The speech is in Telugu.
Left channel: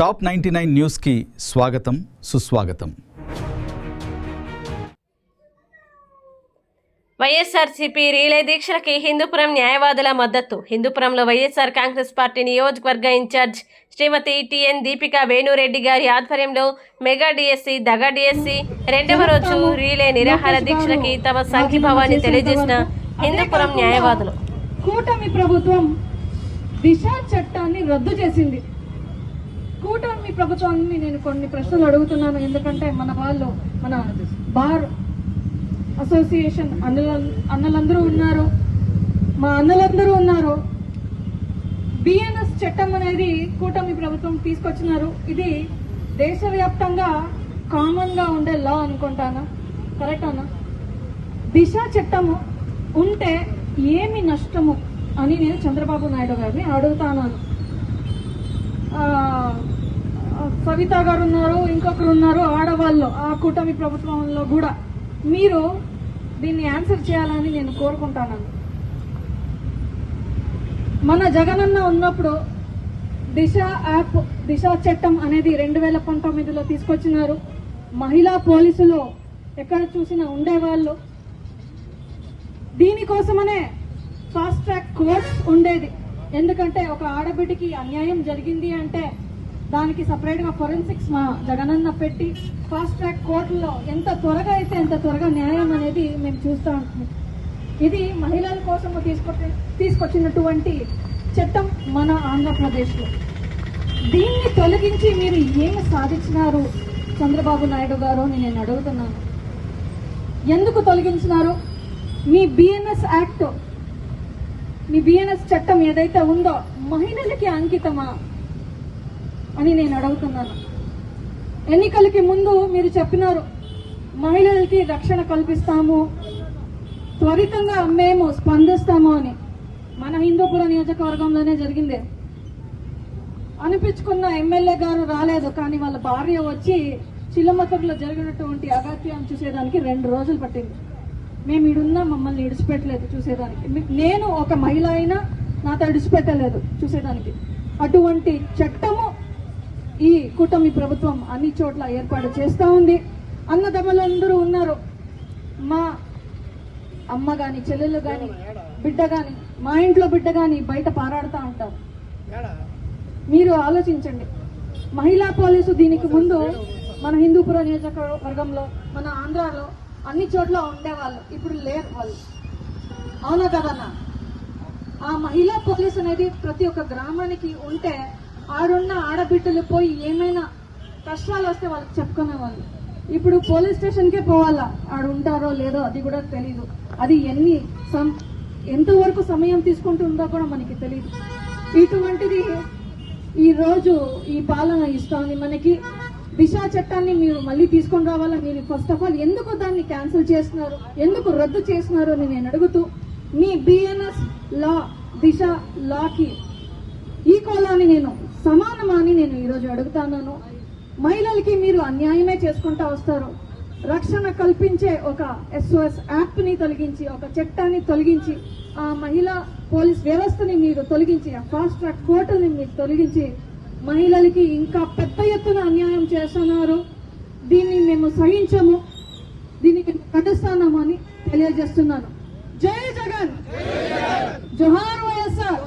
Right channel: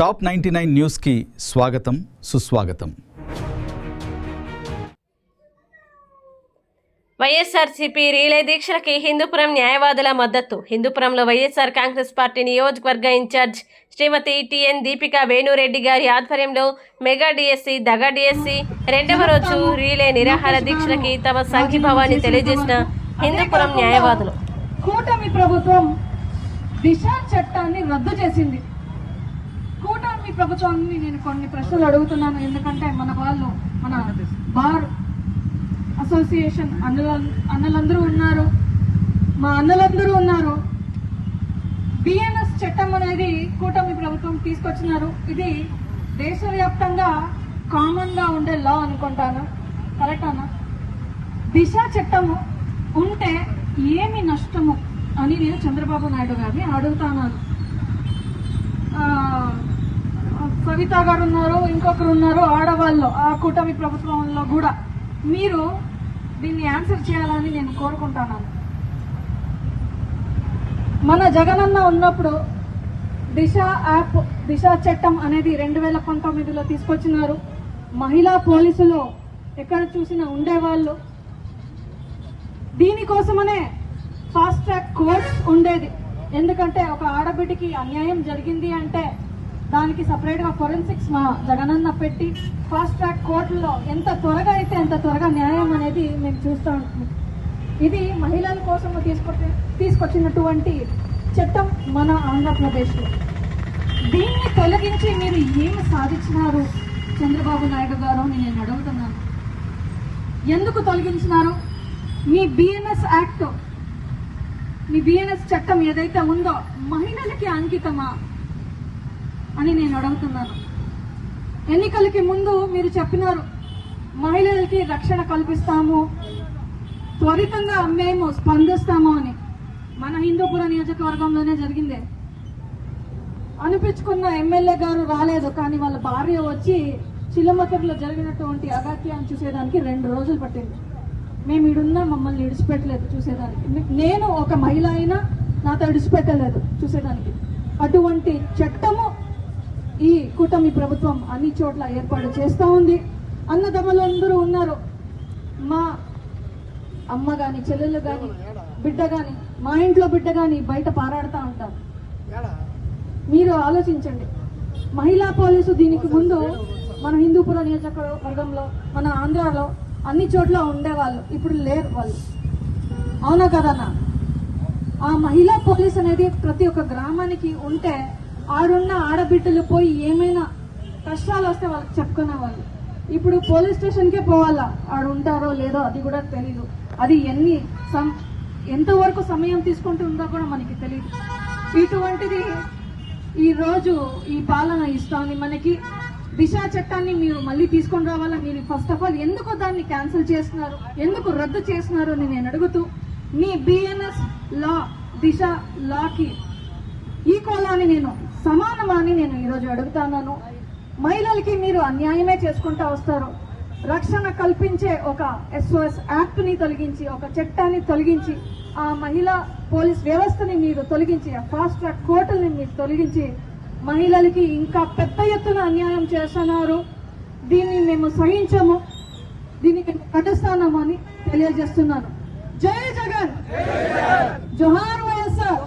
టాప్ 99 న్యూస్కి స్వాగతం సుస్వాగతం. వైఎస్ఆర్సీపీ రీలే దీక్షలకి హిందూపురం న్యాయవాదుల మద్దతు. హిందూపురంలో వైఎస్ఆర్ కాంగ్రెస్ పార్టీ నియోజకవర్గ ఇన్ఛార్జ్ శ్రీమతి టిఎన్ దీపికా వేణురెడ్డి గారి ఆధ్వర్యంలో మెగా డిఎస్సి దగా డిఎస్సి రెండవ రోజు రీలే నిరాహార దీక్షలకి తమ సంఘీభావాన్ని తెలియజేసిన హిందూపురం న్యాయవాదులు. కూటమి ప్రభుత్వం దిశ చట్టాన్ని రద్దు చేసింది. కూటమి ప్రభుత్వాన్ని నేను కొన్ని ప్రశ్నలు అడుగుతున్నాను, ఎందుకంటే మన వాళ్ళు మన బార్ అసోసియేషన్ అన్నలందరూ ఉన్నారు, మా అన్నలందరూ ఉన్నారు. బిఎన్ఎస్ చట్టం అనేది కూటమి ప్రభుత్వం తీసుకొచ్చినారు. ఇది దేశవ్యాప్తంగా కామన్ గా ఉండే లా అనుకుంటాను, కరెక్ట్ అన్న? దిశ చట్టము ఉంటే ఏమి నష్టము అని నేను చంద్రబాబు నాయుడు గారిని అడుగుతాను. సవిత గారు ఉన్నారు, ఇంకొకరు ఉన్నారు ఆడవాళ్ళు ఆ కూటమి ప్రభుత్వంలో కూడా. మీరు దీన్ని ఆన్సర్ చేయాలని నేను కోరుకుంటాను. మన జగనన్న ఉన్నప్పుడు దిశ యాప్, దిశ చట్టం అనేది 2019లో తీసుకొచ్చినారు. మహిళా పోలీసులు ఎక్కడ చూసినా ఉండేవాళ్ళు. దీనికోసమనే ఫాస్ట్ ట్రాక్ కోర్ట్ ఉండేది. ఎందుకంటే ఒక ఆడబిడ్డకి అన్యాయం జరిగింది అంటే దానికి సపరేట్ గా ఫోరెన్సిక్స్ మా జగనన్న పెట్టి ఫాస్ట్ ట్రాక్ కోర్టులో ఎంత త్వరగా అయితే అంత త్వరగా న్యాయం అనేది మేము చూస్తూ ఉంటుంది. ఇది మహిళల కోసం తీసుకొచ్చినటువంటి చట్టం మన ఆంధ్రప్రదేశ్లో. దీన్ని తొలగించి మీరు ఏమి సాధించినారు చంద్రబాబు నాయుడు గారు అని నేను అడుగుతున్నాను. ఎందుకు తొలగించినారు? మీ బిఎన్ఎస్ యాక్ట్, మీ బిఎన్ఎస్ చట్టం ఏదైతే ఉందో మహిళలకి అంకితమా అని నేను అడుగుతున్నాను. ఎన్నికలకి ముందు మీరు చెప్పినారు మహిళలకి రక్షణ కల్పిస్తాము, త్వరితంగా మేము స్పందిస్తాము అని. మన హిందూపురం నియోజకవర్గంలోనే జరిగింది. అనిపించుకున్న ఎమ్మెల్యే గారు రాలేదు, కానీ వాళ్ళ భార్య వచ్చి చిల్లమతూరులో జరిగినటువంటి అగాత్యాన్ని చూసేదానికి 2 రోజులు పట్టింది. మేము ఇడున్నా మమ్మల్ని విడిచిపెట్టలేదు చూసేదానికి. నేను ఒక మహిళ అయినా నాతో విడిచిపెట్టలేదు చూసేదానికి. అటువంటి చట్టము ఈ కూటమి ప్రభుత్వం అన్ని చోట్ల ఏర్పాటు చేస్తూ ఉంది. అన్నదమ్ములందరూ ఉన్నారు. మా అమ్మ గాని, చెల్లెలు గాని, బిడ్డ గాని, మా ఇంట్లో బిడ్డ గాని బయట పారాడుతూ ఉంటారు. మీరు ఆలోచించండి. మహిళా పోలీసు దీనికి ముందు మన హిందూపురం నియోజకవర్గంలో, మన ఆంధ్రాలో అన్ని చోట్ల ఉండేవాళ్ళు, ఇప్పుడు లేరు వాళ్ళు. అవునా కదన్నా? ఆ మహిళా పోలీస్ అనేది ప్రతి ఒక్క గ్రామానికి ఉంటే ఆడున్న ఆడబిడ్డలు పోయి ఏమైనా కష్టాలు వస్తే వాళ్ళకి చెప్పుకునేవాళ్ళు. ఇప్పుడు పోలీస్ స్టేషన్కే పోవాలా, ఆడు ఉంటారో లేదో అది కూడా తెలియదు. అది ఎంతవరకు సమయం తీసుకుంటుందో కూడా మనకి తెలియదు. ఇటువంటిది ఈ రోజు ఈ పాలన ఇస్తామని మనకి దిశ చట్టాన్ని మీరు మళ్ళీ తీసుకొని రావాలా. మీరు ఫస్ట్ ఆఫ్ ఆల్ ఎందుకు దాన్ని క్యాన్సిల్ చేస్తున్నారు, ఎందుకు రద్దు చేస్తున్నారు అని నేను అడుగుతూ, మీ బిఎన్ఎస్ లా దిశ లాకి ఈక్వల్ అని నేను సమానమా అని నేను ఈరోజు అడుగుతాను. మహిళలకి మీరు అన్యాయమే చేసుకుంటా వస్తారు. రక్షణ కల్పించే ఒక ఎస్ఓఎస్ యాక్ట్ ని తొలగించి, ఒక చట్టాన్ని తొలగించి, ఆ మహిళా పోలీస్ వ్యవస్థని మీరు తొలగించి, ఆ ఫాస్ట్ ట్రాక్ కోర్టుని మీరు తొలగించి మహిళలకి ఇంకా పెద్ద ఎత్తున అన్యాయం చేస్తున్నారు. దీన్ని మేము సహించము, దీన్ని మేము ఖండిస్తాము అని తెలియజేస్తున్నాను. జై జగన్, జోహార్ వైఎస్ఆర్.